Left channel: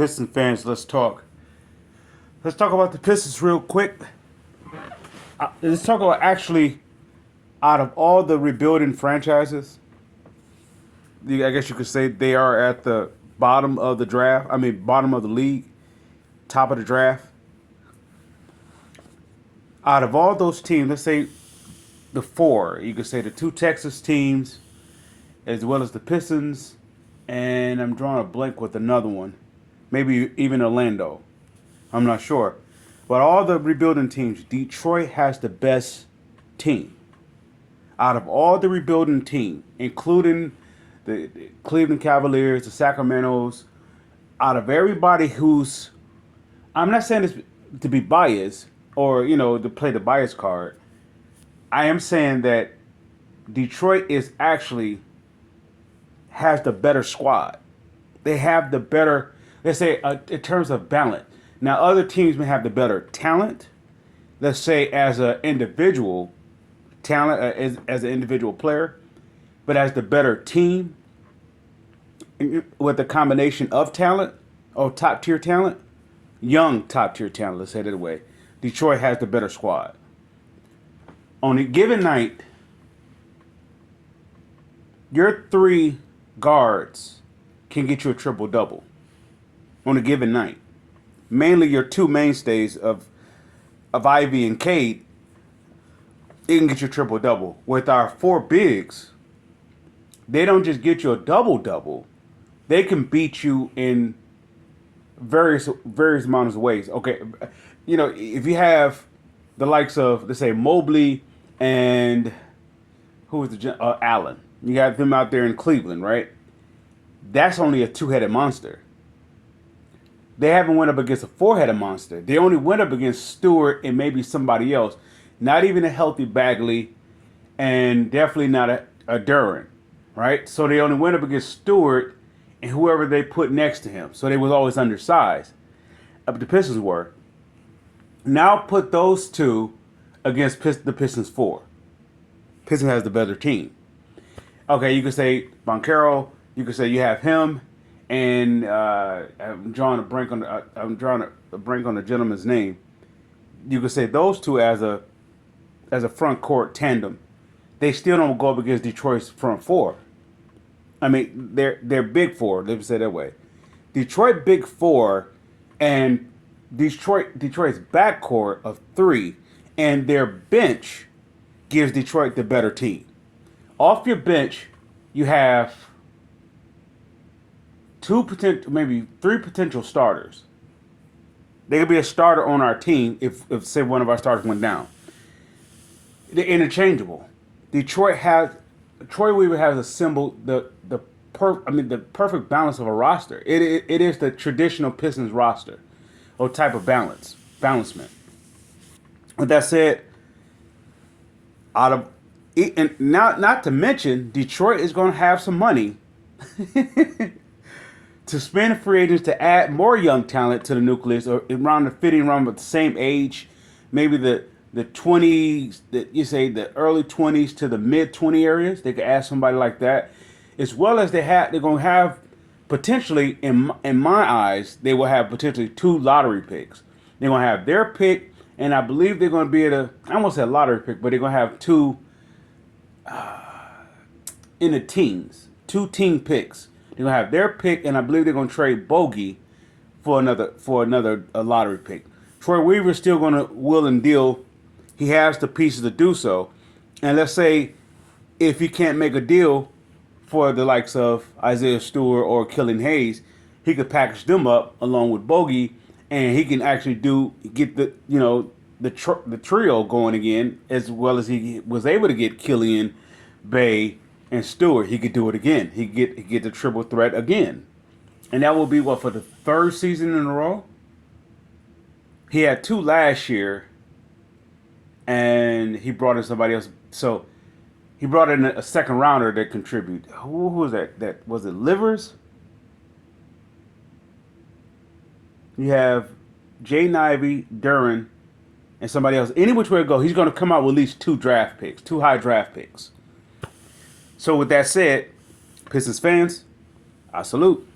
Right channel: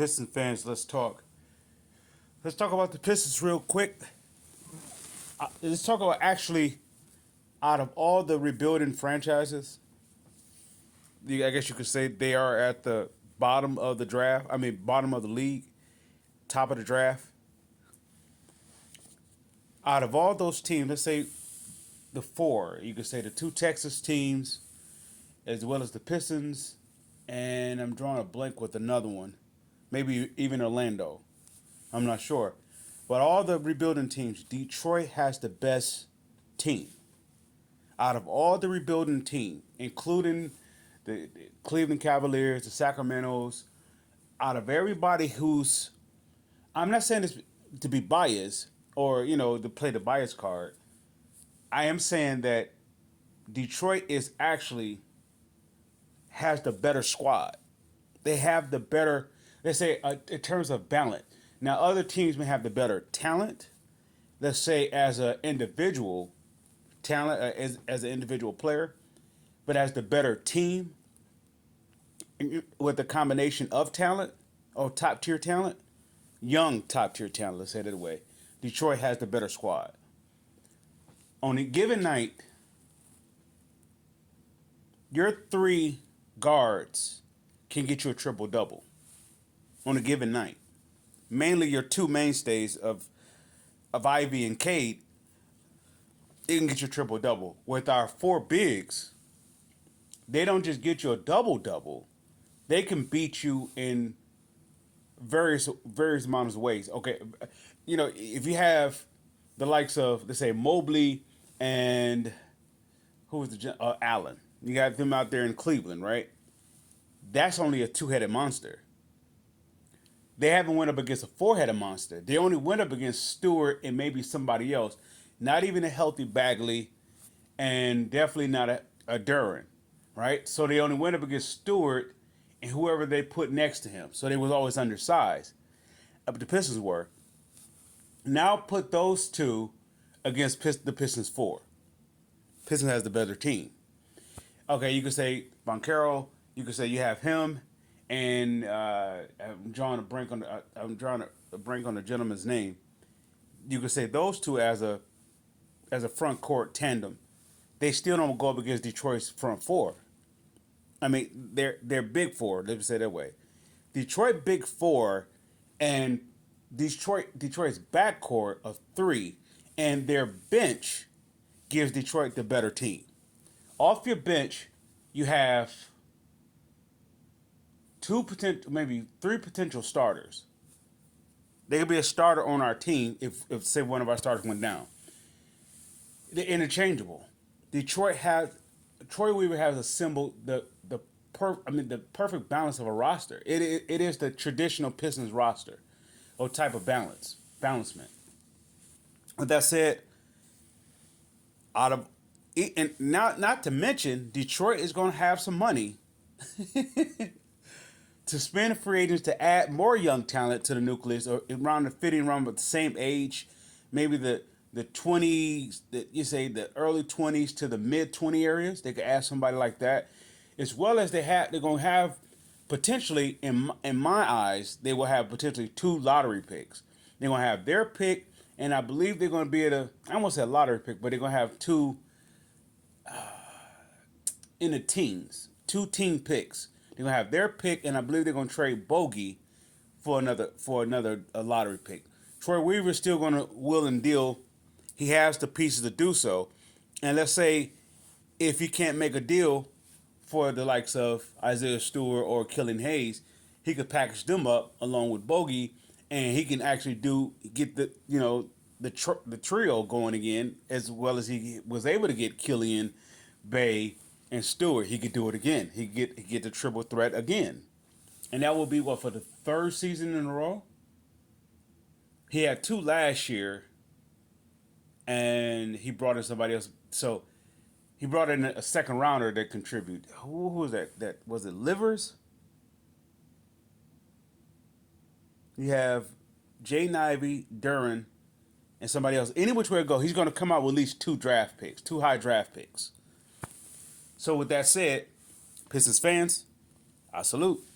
Pistons fans, let's talk. Let's talk about the Pistons real quick. Let's talk about actually out of all the rebuilding franchises, I guess you could say they are at the bottom of the draft. I mean, bottom of the league, top of the draft. Out of all those teams, let's say the four, you could say the two Texas teams, as well as the Pistons, and I'm drawing a blank with another one, maybe even Orlando. I'm not sure. But all the rebuilding teams, Detroit has the best team. Out of all the rebuilding team, including the Cleveland Cavaliers, the Sacramento's, out of everybody who's, I'm not saying this to be biased or, to play the bias card. I am saying that Detroit is actually has the better squad. They have the better, let's say, in terms of balance. Now, other teams may have the better talent, let's say, as an individual talent, as an individual player, but as the better team with a combination of talent or top tier talent, young top tier talent, let's say it that way, Detroit has the better squad. On a given night, your three guards can get you a triple double on a given night. Mainly your two mainstays of Ivy and Cade, it can get you a triple double. With our four bigs, they don't just get you a double double, they can beat you in various amounts of ways. Okay, if you have the likes of, let's say, Mobley and who was Allen, you got them out there in Cleveland, right? That's only a two-headed monster. They haven't went up against a four-headed monster. They only went up against Stewart and maybe somebody else. Not even a healthy Bagley, and definitely not a Duran, right? So they only went up against Stewart and whoever they put next to him. So they was always undersized. The Pistons were. Now put those two against the Pistons four. Pistons has the better team. Okay, you could say Boncaro. You could say you have him, and I'm drawing a blank on the gentleman's name. You could say those two as a front court tandem. They still don't go up against Detroit's front four. I mean, they're big four. Let me say it that way. Detroit big four, and Detroit's backcourt of three, and their bench gives Detroit the better team. Off your bench, you have maybe three potential starters. They could be a starter on our team if say one of our starters went down. They're interchangeable. Troy Weaver has assembled the perfect balance of a roster. It is the traditional Pistons roster, or type of balancement. With that said, and not to mention, Detroit is going to have some money to spend free agents to add more young talent to the nucleus, or fitting around with the same age, maybe the 20s, the early 20s to the mid 20 areas. They could add somebody like that, as well as they're going to have potentially, in my eyes, they will have potentially two lottery picks. They're going to have their pick, and I believe they're going to be I won't say a lottery pick, but they're going to have two in the teens, two team picks. They're going to have their pick, and I believe they're going to trade Bogey for another lottery pick. Troy Weaver's still going to will and deal. He has the pieces to do so. And let's say if he can't make a deal for the likes of Isaiah Stewart or Killian Hayes, he could package them up along with Bogey, and he can actually get the trio going again, as well as he was able to get Killian, Bay, and Stewart. He could do it again. He could get the triple threat again. And that will be for the third season in a row? He had two last year, and he brought in somebody else. So he brought in a second rounder that contributed. Who was that? Was it Livers? You have Jaden Ivey, Duran, and somebody else. Any which way to go, he's going to come out with at least two high draft picks. So with that said, Pistons fans, I salute.